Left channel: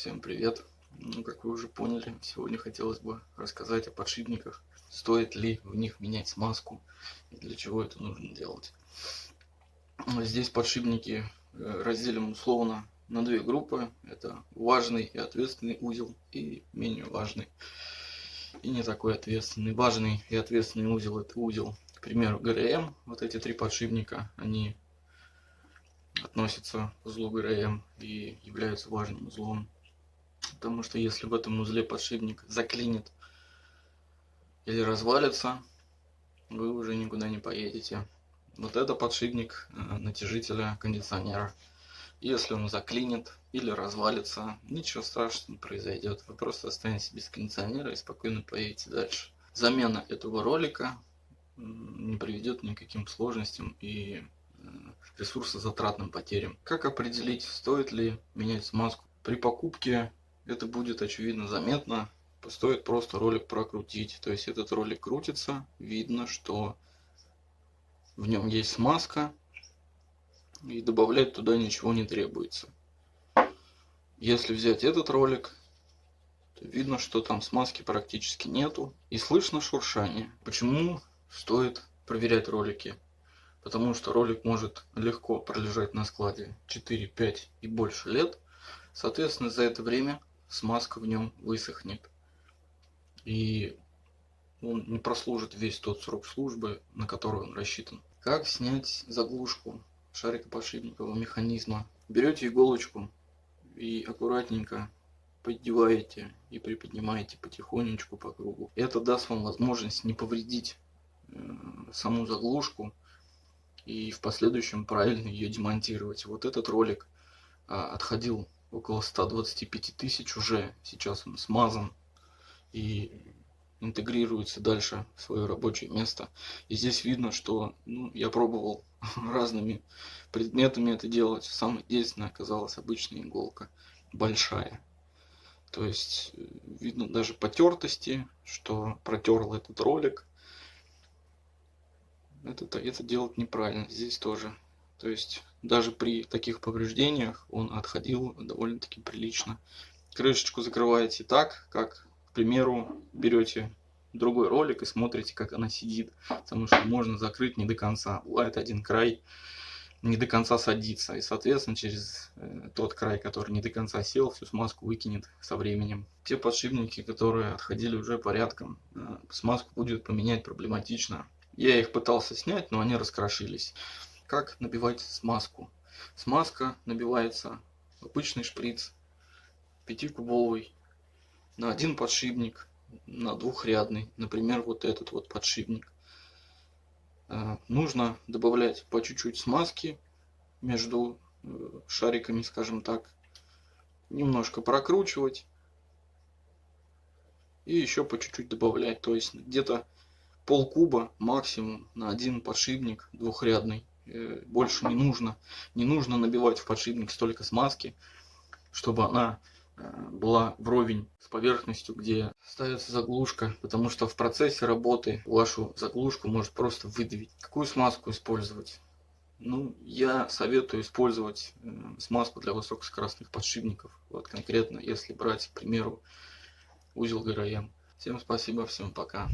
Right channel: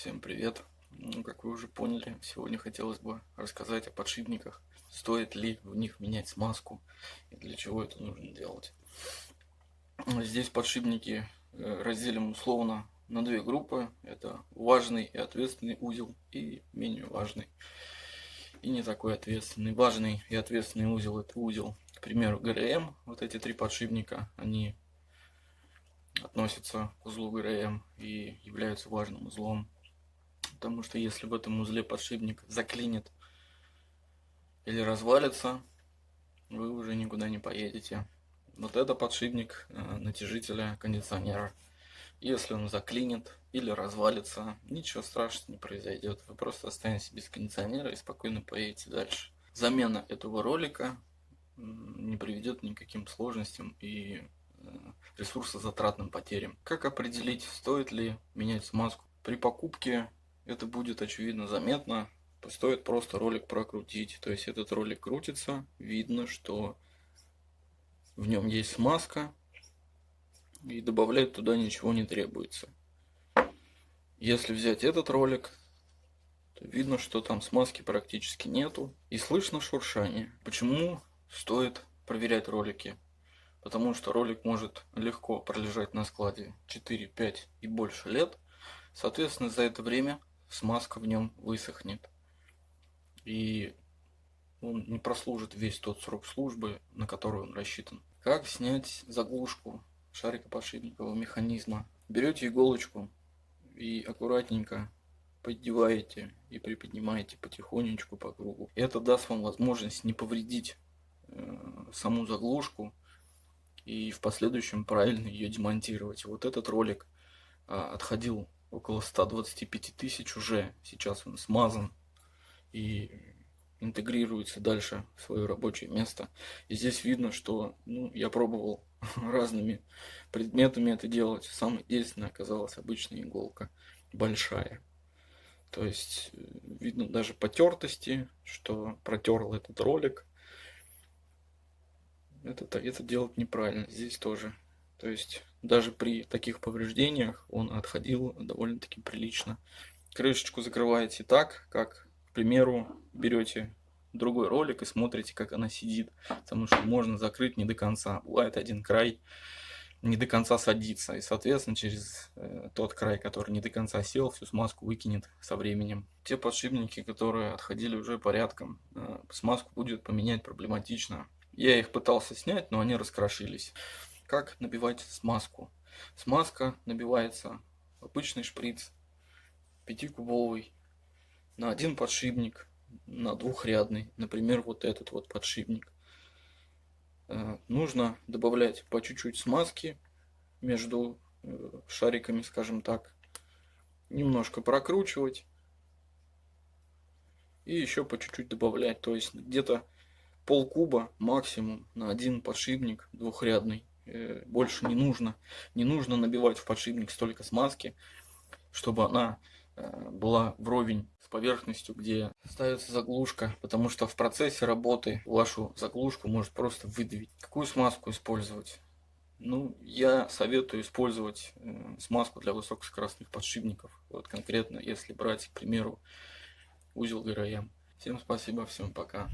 Всем привет! Ну, как вы уже поняли, сегодня хотелось бы рассказать о подшипниках. Стоит ли в них менять смазку и для чего это нужно делать. Здесь подшипники разделим условно на две группы. Это важный и ответственный узел и менее важный и не такой ответственный. Важный и ответственный узел — это узел, к примеру, ГРМ. Вот эти три подшипника, они относятся к узлу ГРМ и являются важным узлом. Потому что если в этом узле подшипник заклинит или развалится, вы уже никуда не поедете. Вот это подшипник натяжителя кондиционера. Если он заклинит или развалится, ничего страшного не произойдет. Вы просто останетесь без кондиционера и спокойно поедете дальше. Замена этого ролика не приведет ни к каким сложностям и ресурсозатратным потерям. Как определить, стоит ли менять смазку? При покупке это будет очевидно заметно. Стоит просто ролик прокрутить. То есть этот ролик крутится, видно, что в нем есть смазка, и добавлять туда ничего не требуется. Если взять этот ролик, то видно, что там смазки практически нету, и слышно шуршание. Почему стоит проверять ролики? Потому что ролик может легко пролежать на складе 4, 5 и больше лет. Соответственно, за это время смазка в нем высохнет. И он не прослужит весь тот срок службы, на который он рассчитан. Как снять заглушку шарикоподшипникового механизма? Берете иголочку и аккуратненько поддеваете и приподнимаете потихонечку по кругу. Это даст вам возможность не повредить саму заглушку и в последующем правильно ее демонтировать. Вот этот ролик отходил около 125 тысяч уже. Сейчас он смазан и интегрируется дальше в свое рабочее место. И здесь видно, что я пробовал разными предметами это делать. Самой действенной оказалась обычная иголка, большая. То есть видно даже потертости, что протерл этот ролик. Это делать неправильно. Здесь тоже. То есть даже при таких повреждениях он отходил довольно-таки прилично. Крышечку закрываете так, как, к примеру, берете другой ролик и смотрите, как она сидит. Потому что можно закрыть не до конца. Бывает один край не до конца садится. И, соответственно, через тот край, который не до конца сел, всю смазку выкинет со временем. Те подшипники, которые отходили уже порядком, смазку будет поменять проблематично. Я их пытался снять, но они раскрошились. Как набивать смазку? Смазка набивается в обычный шприц 5-кубовый на один подшипник, на двухрядный, например, вот этот вот подшипник. Нужно добавлять по чуть-чуть смазки между шариками, скажем так, немножко прокручивать и еще по чуть-чуть добавлять, то есть где-то полкуба максимум на один подшипник двухрядный. Больше не нужно. Не нужно набивать в подшипник столько смазки, чтобы она была вровень с поверхностью, где ставится заглушка, потому что в процессе работы вашу заглушку может просто выдавить. Какую смазку использовать? Я советую использовать смазку для высокоскоростных подшипников. Вот конкретно, если брать, к примеру, узел ГРМ. Всем спасибо, всем пока.